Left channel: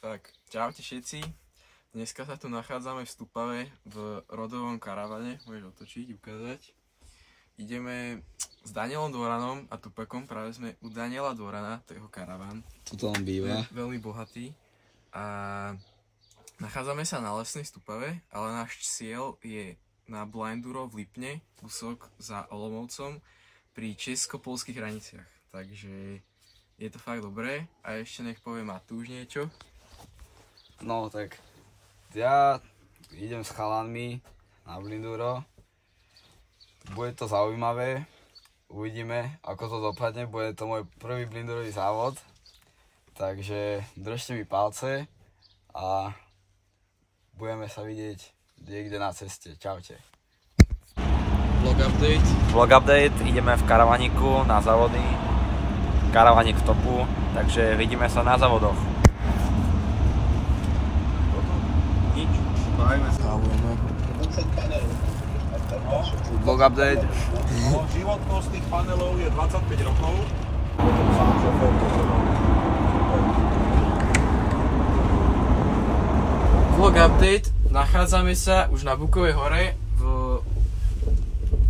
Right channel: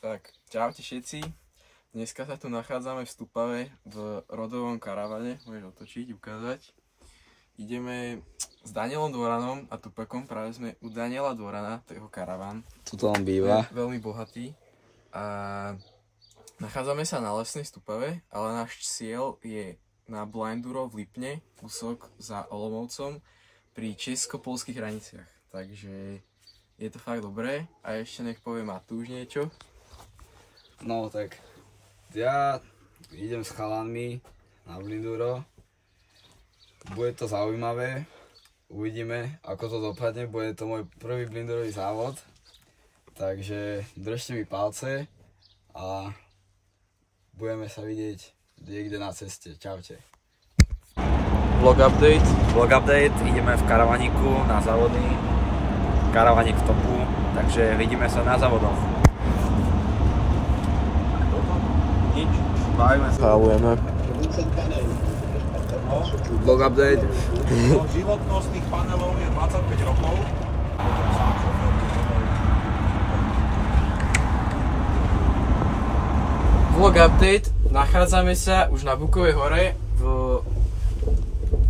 Tak, čaute všetci. Dneska sa tu nachádzame v Stupave v rodovom karavane. Môžeš otočiť, ukázať. Ideme s Danielom Dvoranom a Tupekom. Práve sme u Daniela Dvorana, to je jeho karavan. Tuto on býva. Je veľmi bohatý. A nachádzame sa na lesnej Stupave, ale náš cieľ je na Blinduro v Lipne, kúsok za Olomoucom, pri česko-polských hraniciach. Takže je to fakt dobré. A ešte nech povie Matúš niečo. No tak, ja idem s chalanmi na Blinduro. Bude to zaujímavé, uvidíme ako to dopadne, bude to môj prvý blindurový závod. Takže držte mi palce a budeme sa vidieť niekde na ceste. Čaute. Vlog update. Vlog update, ideme v karavaniku na závody. Karavanik v topu, takže vidíme sa na závodoch. Spávujeme. Vlog update. Životnosť tých panelov je 25 rokov. Vlog update. Nachádzame sa už na Bukovej hore v...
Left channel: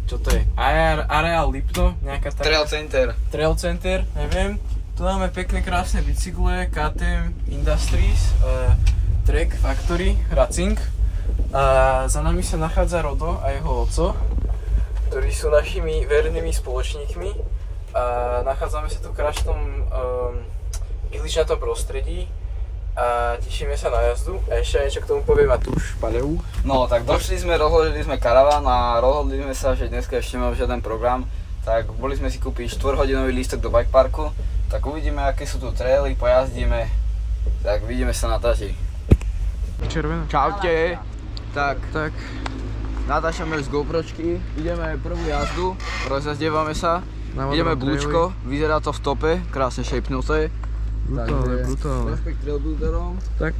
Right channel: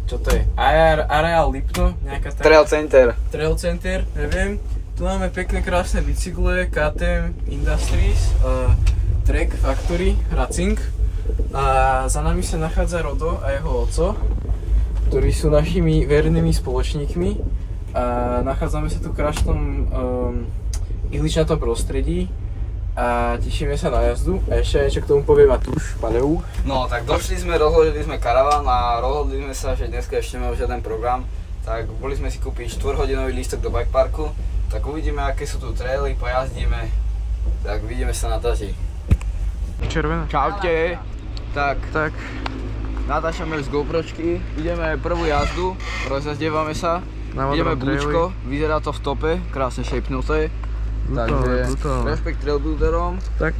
Čo to je? Areál Lipno? Nejaká taká... Trail Center, neviem. Tu máme pekné krásne bicykle, KTM Industries, Trek Factory, Racing. A za nami sa nachádza Rodo a jeho oco, ktorí sú našimi vernými spoločníkmi. A nachádzame sa tu v krásnom ihličnatom prostredí a tešíme sa na jazdu. A ešte niečo k tomu povie Matúš. No tak došli sme, rozložili sme karaván a rozhodli sme sa, že dneska ešte nemáme žiaden program. Tak boli sme si kúpiť 4-hodinový lístok do bike parku. Tak uvidíme, aké sú tu traily, pojazdíme. Tak vidíme sa na trati. Červená. Čaute. Tak. Natáčame z GoPročky, ideme prvú jazdu, rozjazdievame sa, ideme búčko, vyzerá to v tope, krásne šejpnuté. Takže rešpekt trailbuilderom. Tak.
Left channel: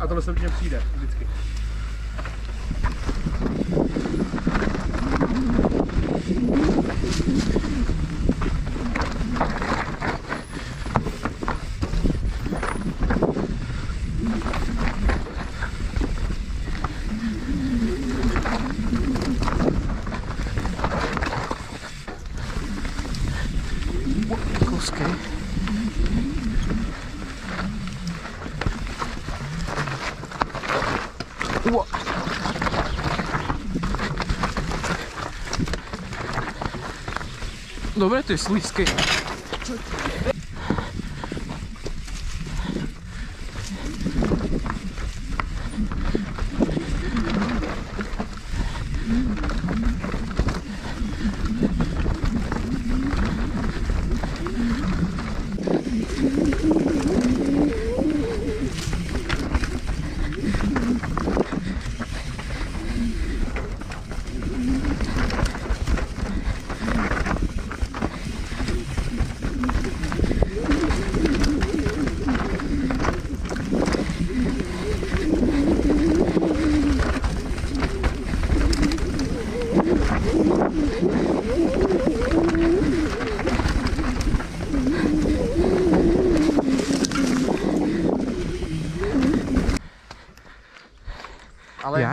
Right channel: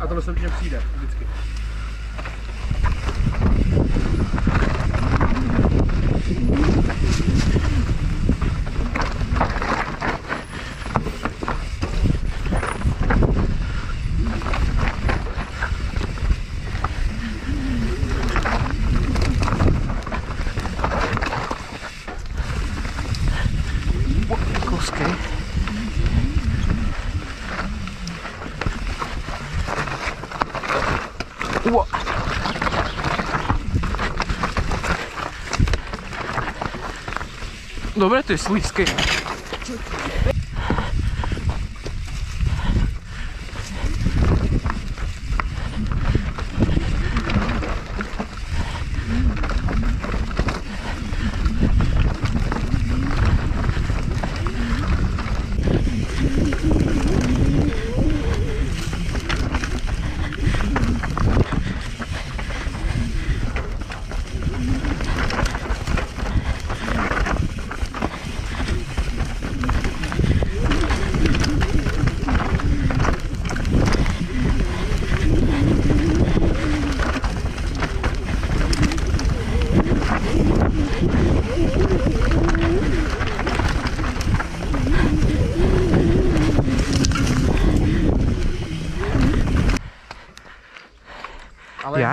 A tohle se určitě přijde, vždycky. Kosky. Dobre, to je slízke.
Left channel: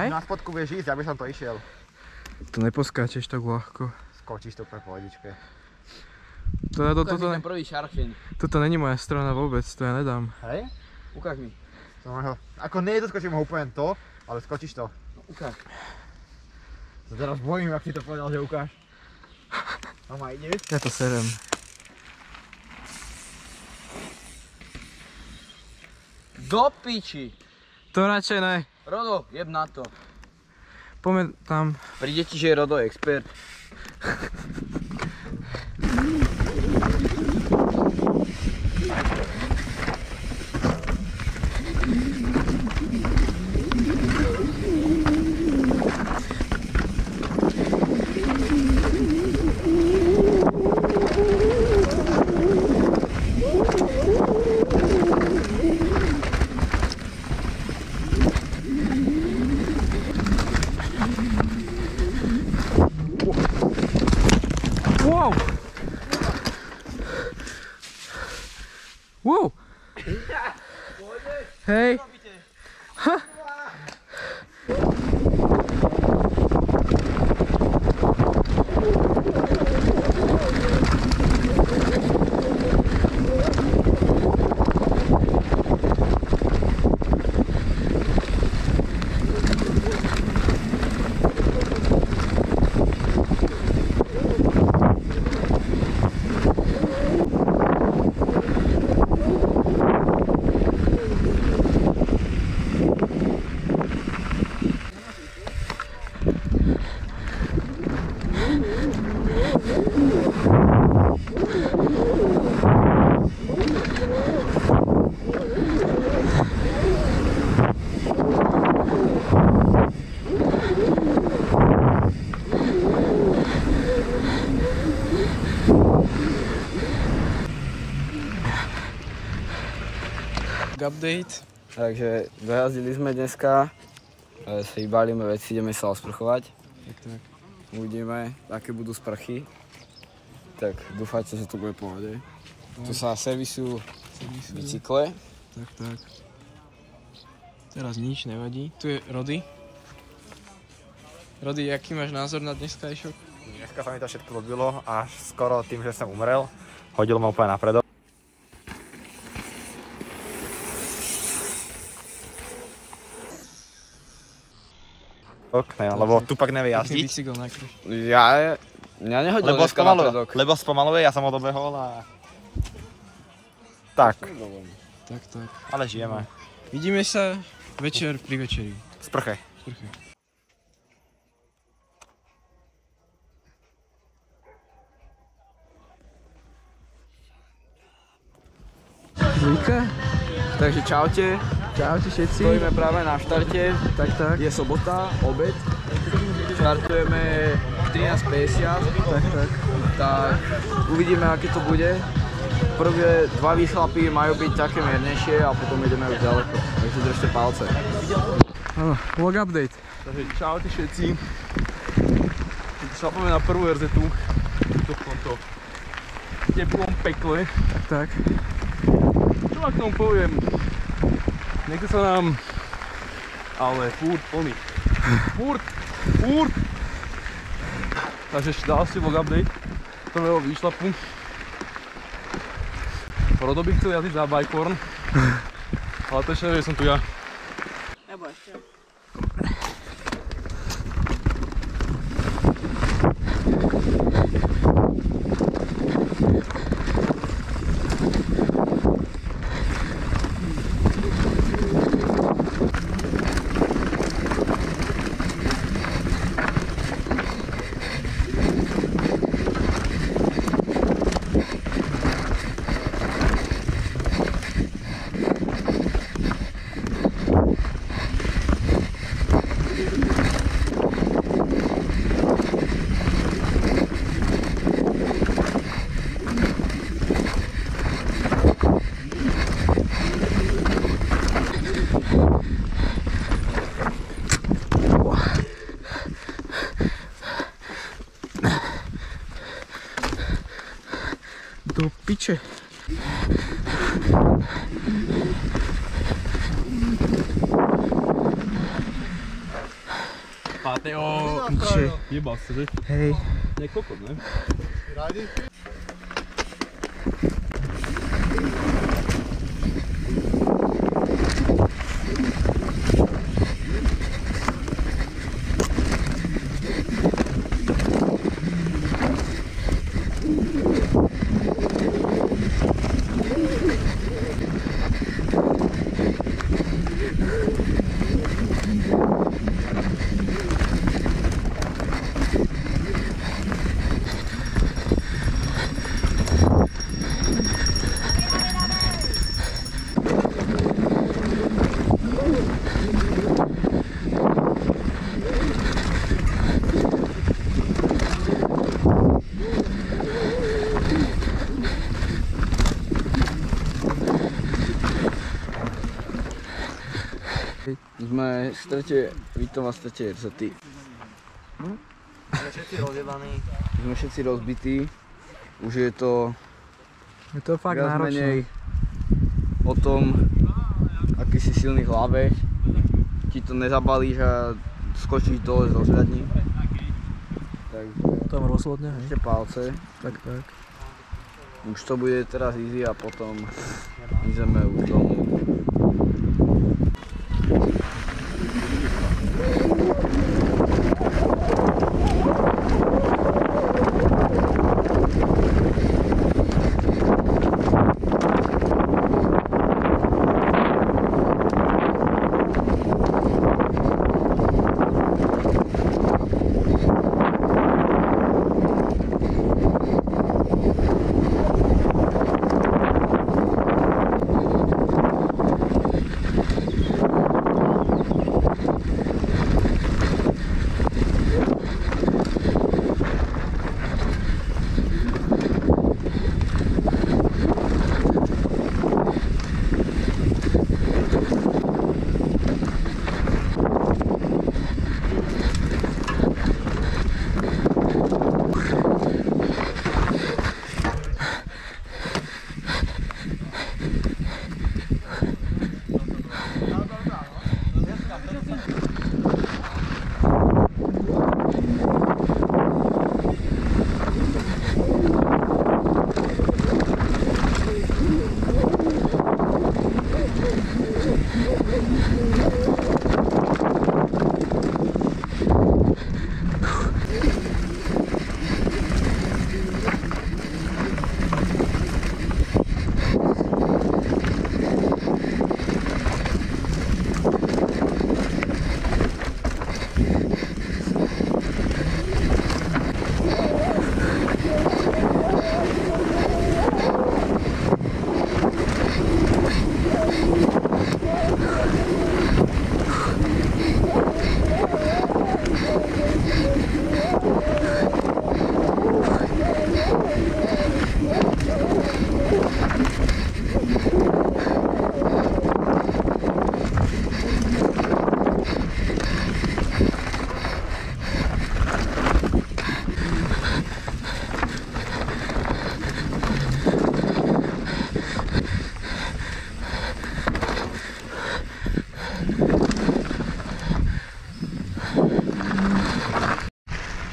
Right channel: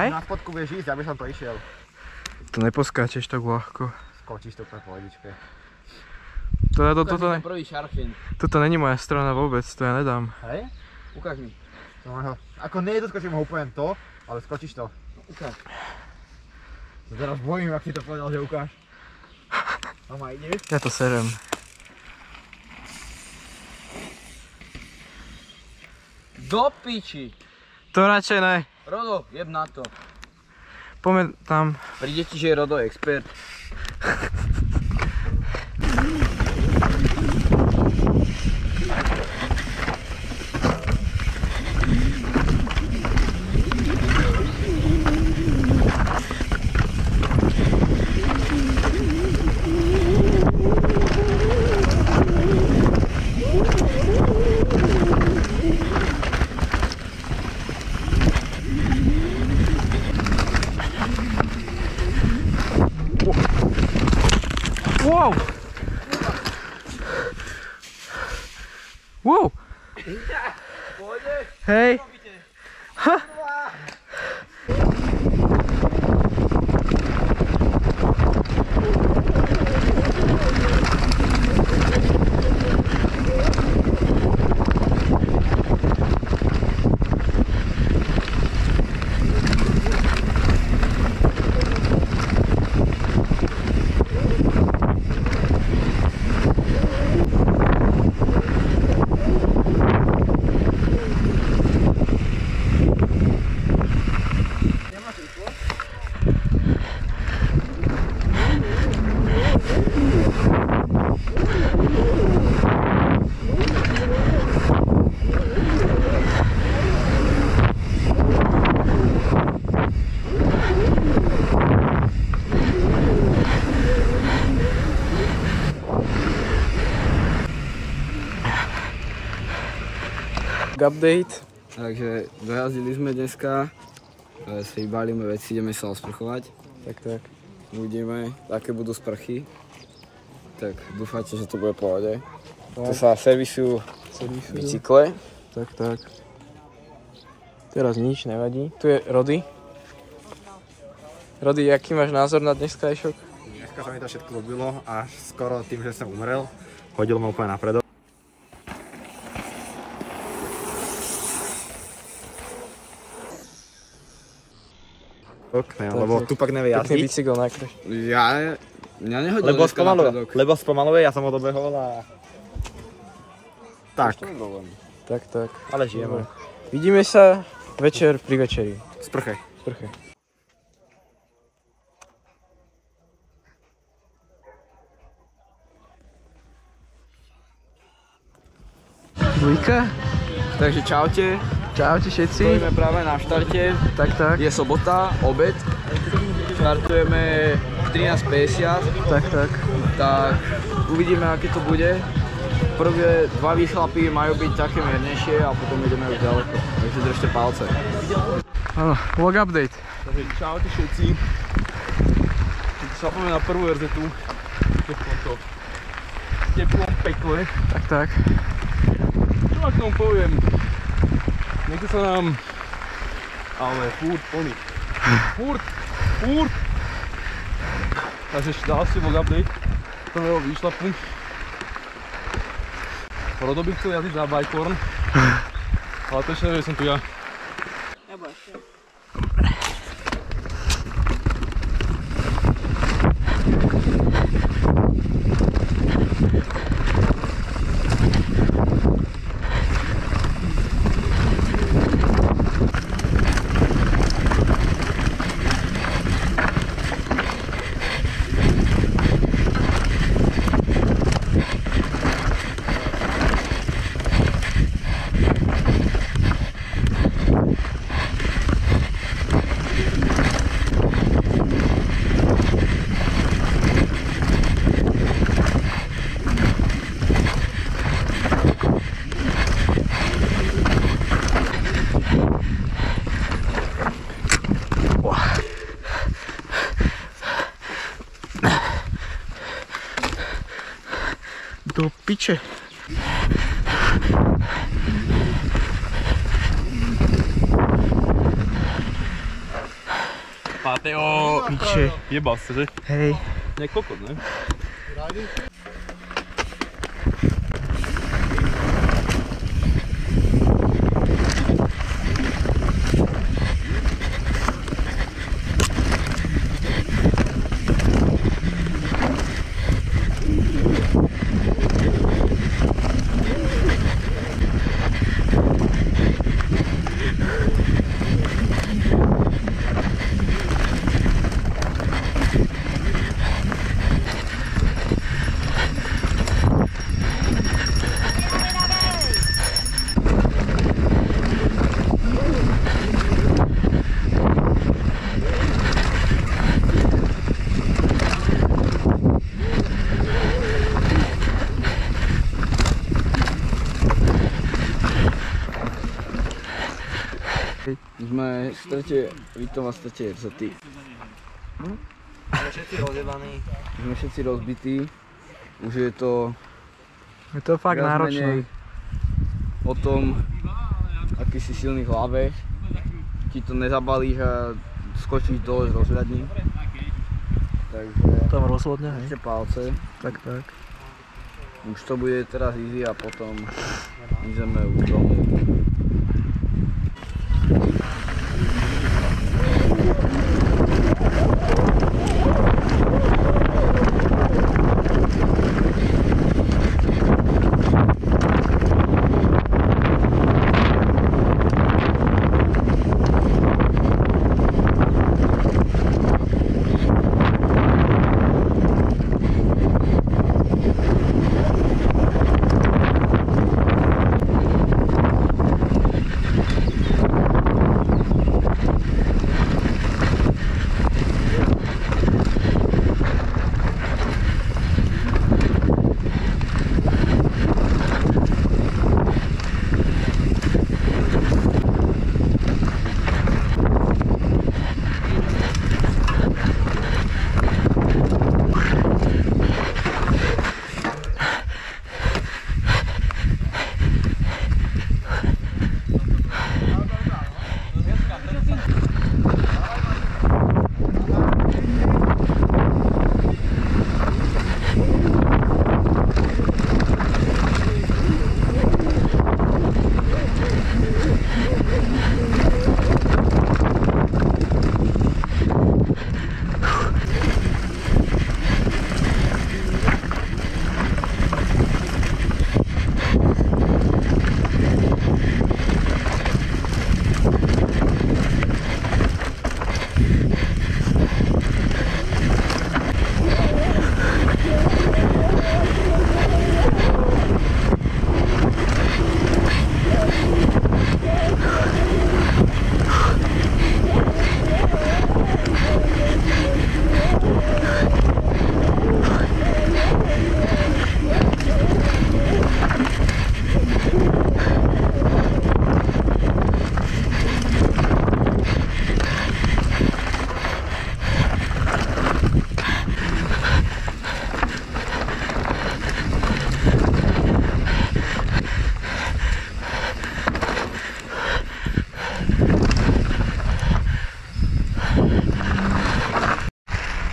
Hej? Na spodku vieš ísť, aby som to išiel. To neposkáčeš tak ľahko. Skočíš to pre pohodičke. Toto není moja strana vôbec, to ja nedám. Hej? Ukáž mi. No, ako nedoskočím ho úplne to, ale skočíš to. No, ukáž. No teraz bojím, ak si to povedal, že ukáž. Mama, ideš? Ja to serem. Do piči. To radšej ne. Rodo, jeb na to. Poďme tam. Príde ti, že je Rodo expert. Wow! Wow! Hej! Ha! Update. Takže dojazdili sme dneska, si balíme veci, ideme sa osprchovať. Tak. Uvidíme, aké budú sprchy. Tak dúfajte, že to bude v pohode. Tu sa servisujú bicykle. Tak. Teraz nič nevadí. Tu je Rody. Rody, aký máš názor na dneskajšok? Dneska sa mi to všetko ľúbilo, až skoro tým, že som umrel. Hodil ma úplne napredo. Lebo Tupak nevie jazdiť. Pekný bicykel nakryš. Mňa nehodil dneska na predok. Lebo spomaluje, ja som ho dobehol a... Tak. Tak. Ale žijeme. Vidíme sa večer pri večeri. Sprche. Dvojka? Takže čaute. Čaute všetci. Stojíme práve na štarte. Tak. Je sobota, obed. Štartujeme 13:50. Tak. Tak uvidíme, aké to bude. Prvé dva výchlapy majú byť také miernejšie a potom ideme už ďaleko. Takže držte palce. Áno, vlog update. Takže čaute všetci. Šlapeme na prvú RZ-tu. V tomto teplom pekle. Tak. Čo ma k tomu poviem? Nechce sa nám, ale furt plný. Furt. Takže dal si vlog update prvého výšlapu. Rodo by chcel jazdiť za bajkorn, ale to ešte nevie, že som tu ja. Nebo ešte. Do piče. Pateo, piče. Jebal sa, že? Hej. Jak kokot, ne? Sme v strete Vitom a v strete RZT. Sme všetci rozjebaní. Sme všetci rozbití. Už je to... Je to fakt náročné. O tom, aký si silný v hlave. Ti to nezabalíš a skočíš dole z rozhľadní. Takže... Tam rozhodne, hej. Ešte palce. Tak. Už to bude teraz easy a potom ideme už domov.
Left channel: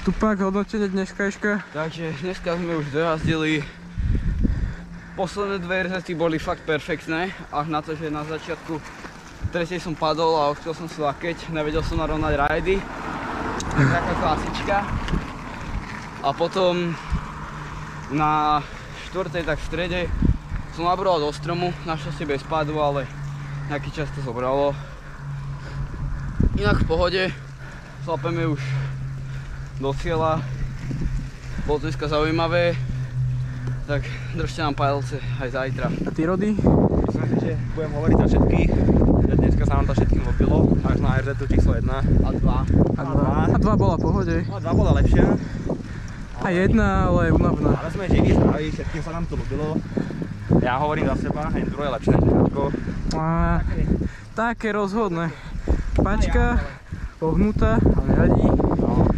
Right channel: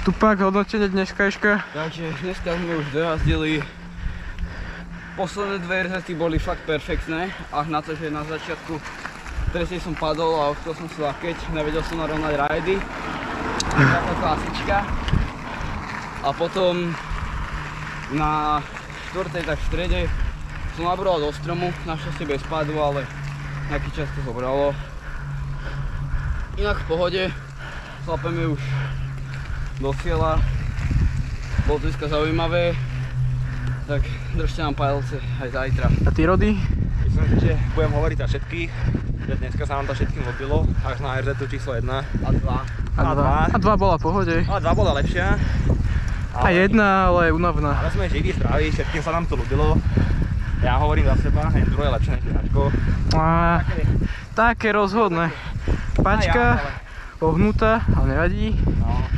Tupák, hodnotenie dneškajška. Takže dneska sme už dojazdili. Posledné dve RZT boli fakt perfektné. Až na to, že na začiatku tretej som padol a chcel som si lakeť. Nevedel som narovnať rajdy. Taká klasička. A potom na štvrtej, tak v strede som nabroval do stromu. Našťastie bez pádu, ale nejaký čas to zobralo. Inak v pohode. Šlapeme už do cieľa. Bolo to dneska zaujímavé, tak držte nám palce aj zajtra. A ty, Rody? Myslím si, že budem hovoriť za všetkých, že dneska sa nám to všetkým ľúbilo, až na RZ číslo 1. A 2. A 2 bola v pohode. A 2 bola lepšia. A 1, ale unavná. Ale sme živí, zdraví, všetkým sa nám to ľúbilo. Ja hovorím za seba, enduro je lepšie než Káčko. Také rozhodné. Pačka, pohnutá, ale nevadí.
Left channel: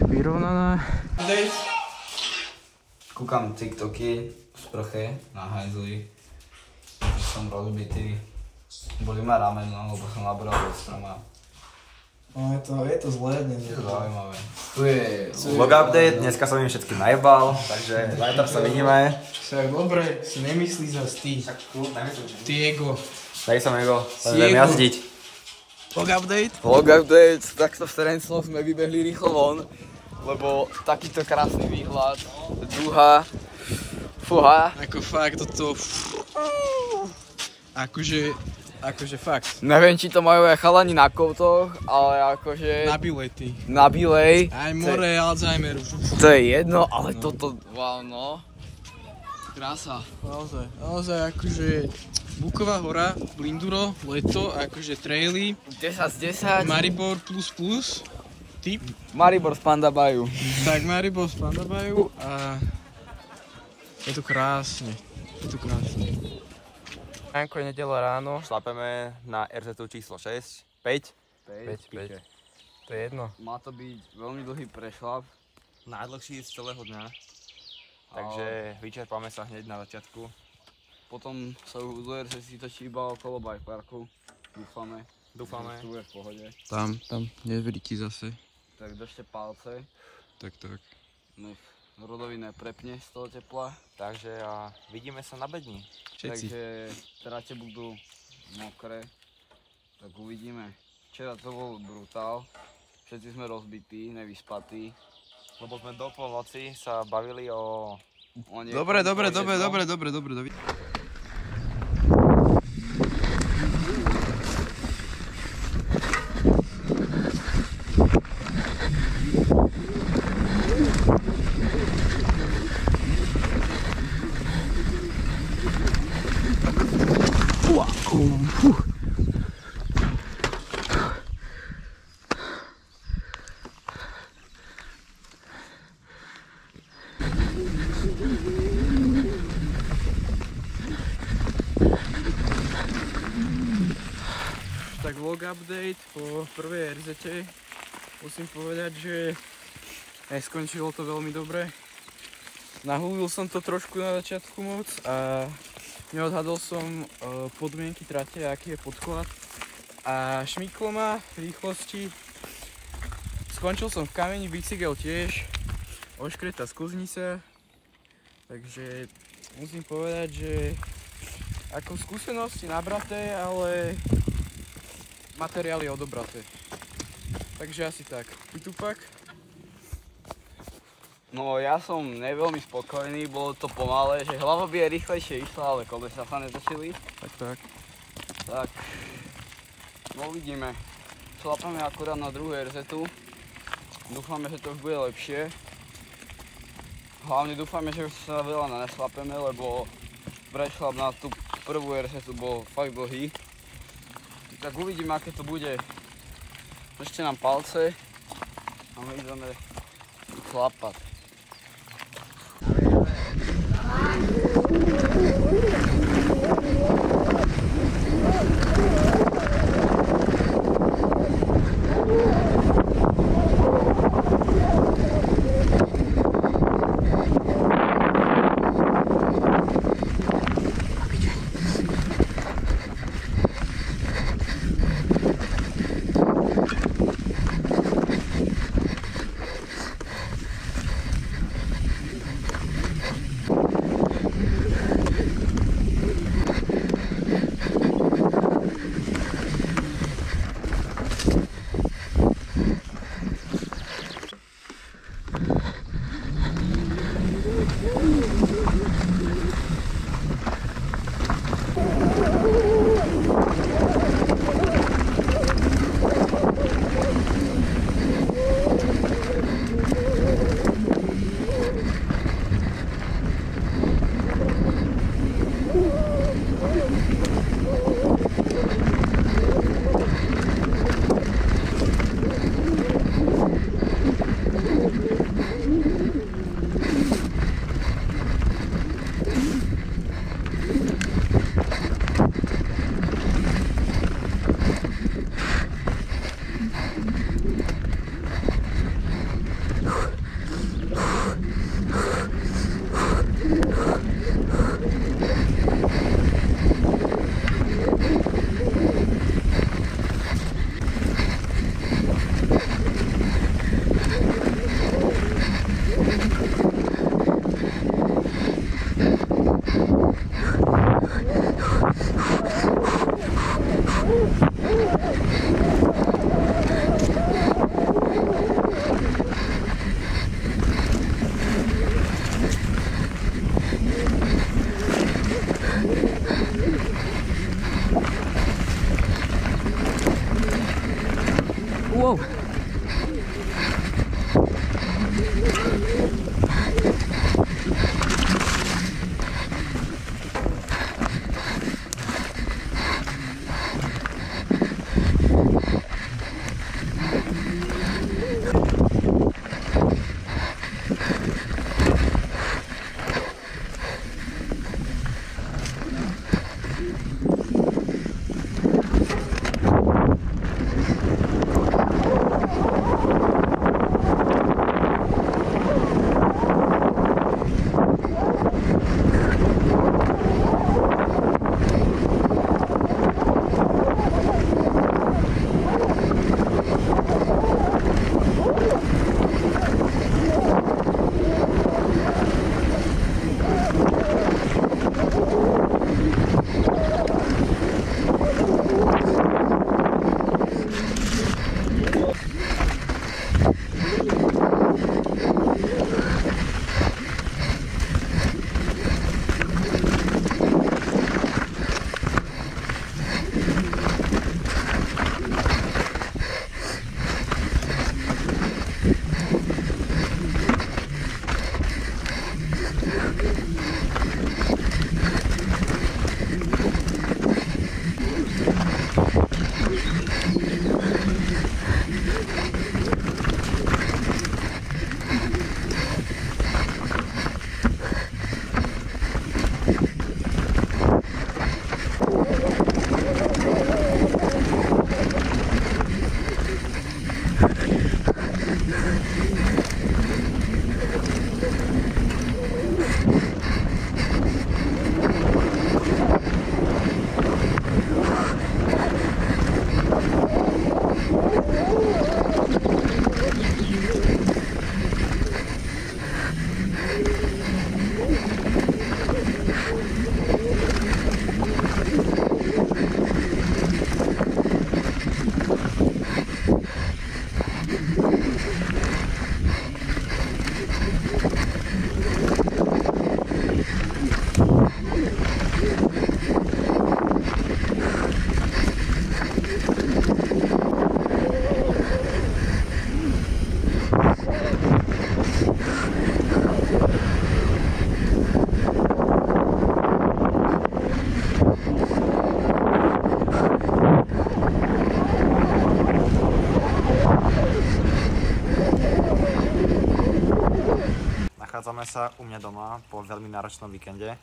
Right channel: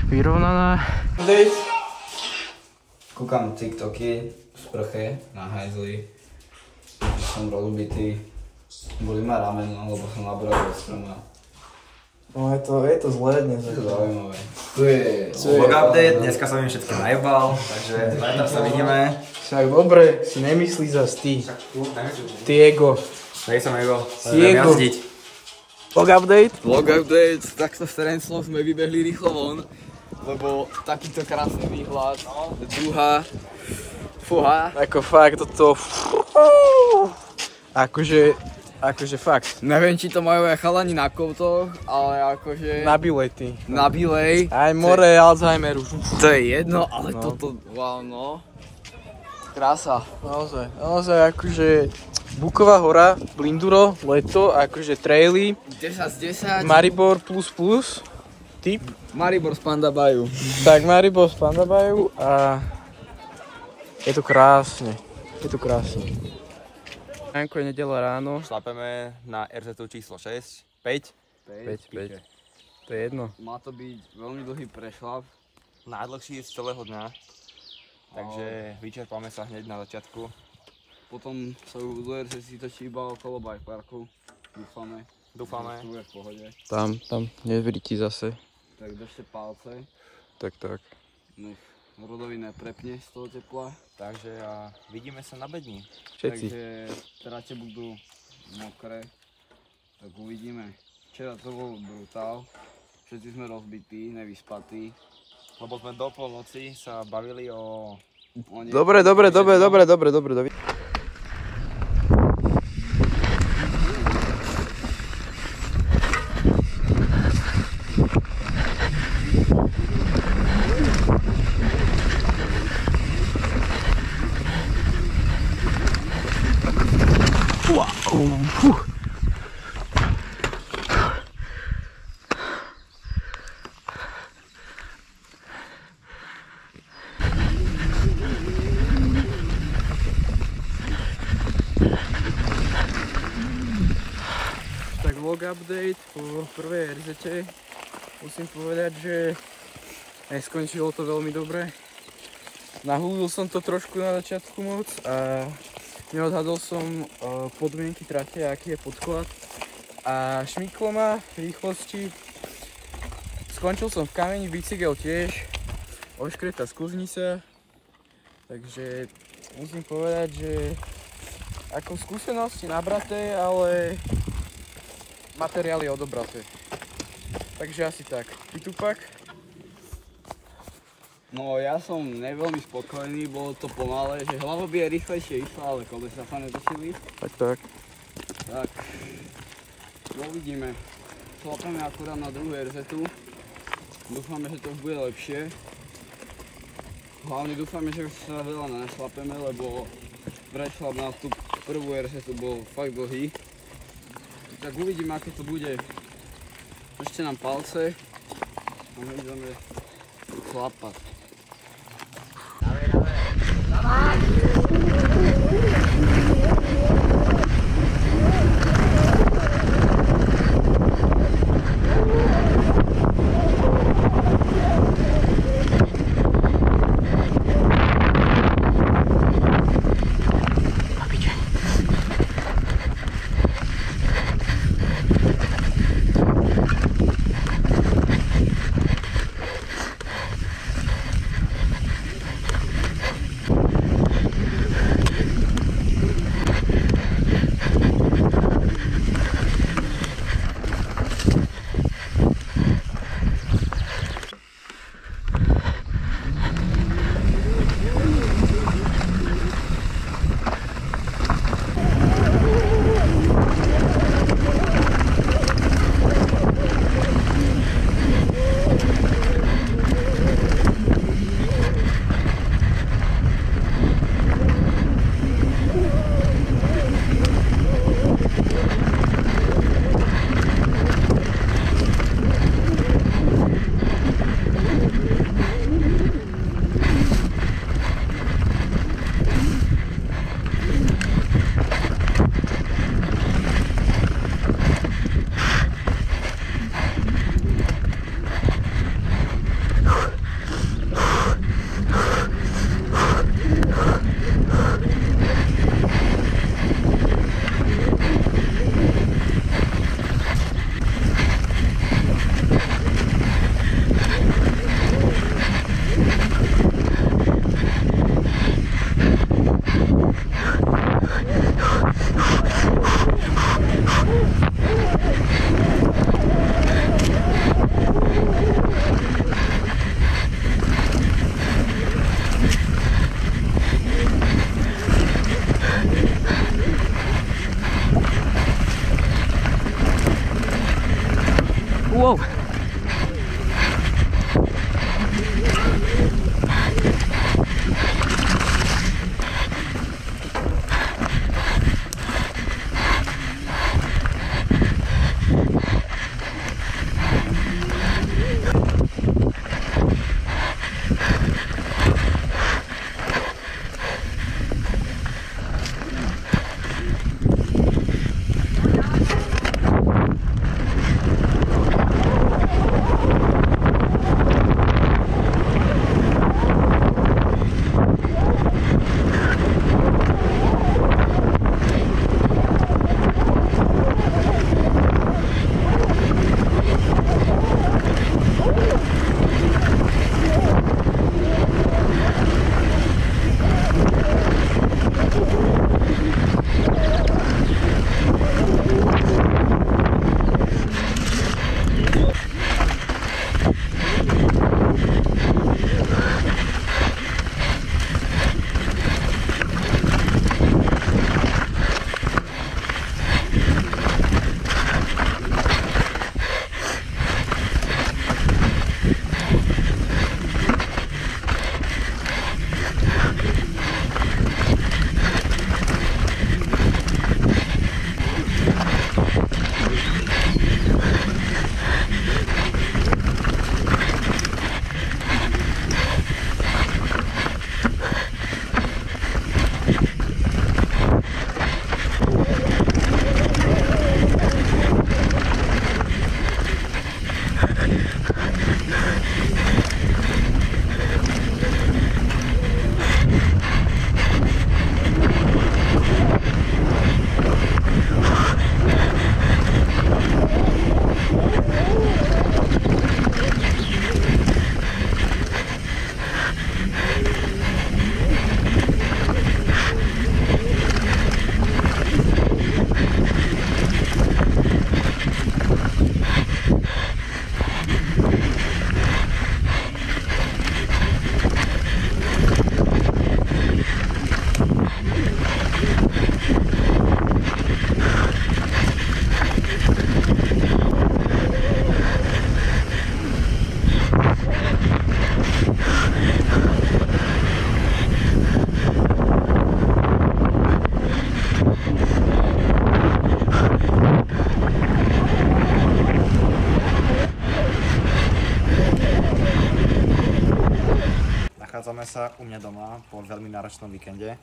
Vyrovnaná. Kúkam TikToky v sprche na hajzli. Som rozbitý. Boli ma rameno, lebo som nabral do stroma. No je to zlé dnes. Je to zaujímavé. Tu je Vlog update, dneska som im všetkým najebal, takže zajtra sa vidíme. Však dobre, si nemyslí zas ty. Ty ego. Daj som ego, budem jazdiť. Vlog update? Vlog update, takto v Terencloch sme vybehli rýchlo von, lebo takýto krásny výhľad, duha, fuha. Ako fakt toto... Akože fakt. Neviem, či to majú aj chalani na koutoch, ale akože... Na bilety. Na bilej. Aj more Alzheimeru. To je jedno, ale toto, wow no. Krása. Naozaj akože... Buková hora, Blinduro, leto, akože traily. 10 z 10. Maribor plus. Tip. Maribor z Pandabaju. Tak Maribor z Pandabaju a... Je to krásne. Ránko je nedeľa ráno. Šlapeme na RZ číslo 6, 5. 5. To je jedno. Má to byť veľmi dlhý prešlap. Najdlhší z celého dňa. Takže vyčerpáme sa hneď na začiatku. Potom sa do RZ si točí iba okolo bike parku. Dúfame. To bude v pohode. Tam, neverí ti zase. Tak držte palce. Tak. Nech Rodovi neprepne z toho tepla. Takže vidíme sa na bedni. Všetci. Takže tráte budú mokré. Tak uvidíme. Včera to bol brutál. Všetci sme rozbití, nevyspatí. Lebo sme do polnoci sa bavili o... Dobre. Tak vlog update po prvej RZ-te. Musím povedať, že neskončilo to veľmi dobre. Nahúlil som to trošku na začiatku moc a neodhadol som podmienky trate, aký je podklad. A šmyklo ma v rýchlosti. Skončil som v kameni, bicykel tiež. Oškretá sklznica. Takže musím povedať, že ako skúsenosti nabraté, ale materiály odobraté. Takže asi tak. Ty Tupak? No ja som neveľmi spokojný, bolo to pomalé, že hlava by je rýchlejšie išla, ale kolesa sa netočili. Tak. Tak, uvidíme. Šlapeme akurát na druhú RZ-tu. Dúfame, že to už bude lepšie. Hlavne dúfame, že už sa veľa nešlapeme, lebo prešlap na tú prvú RZ-tu bol fakt dlhý. Tak uvidíme, aké to bude. Držte nám palce a my ideme chlapať. Nachádzame sa u mňa doma po veľmi náročnom víkende.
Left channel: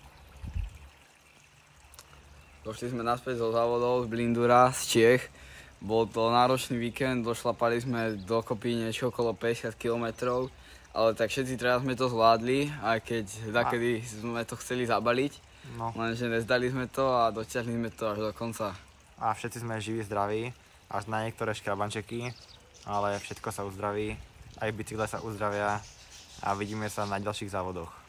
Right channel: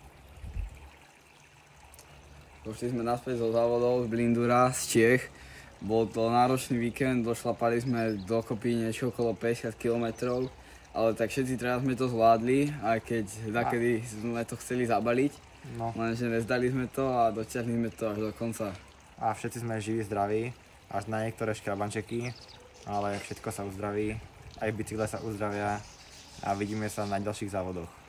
Došli sme naspäť zo závodov z Blindura, z Čiech. Bol to náročný víkend, došlapali sme dokopy niečo okolo 50 km, ale tak všetci teraz sme to zvládli, aj keď takedy sme to chceli zabaliť. No. Lenže nezdali sme to a dotiahli sme to až do konca. A všetci sme živí, zdraví, až na niektoré škrabančeky, ale všetko sa uzdraví, aj bicykle sa uzdravia a vidíme sa na ďalších závodoch.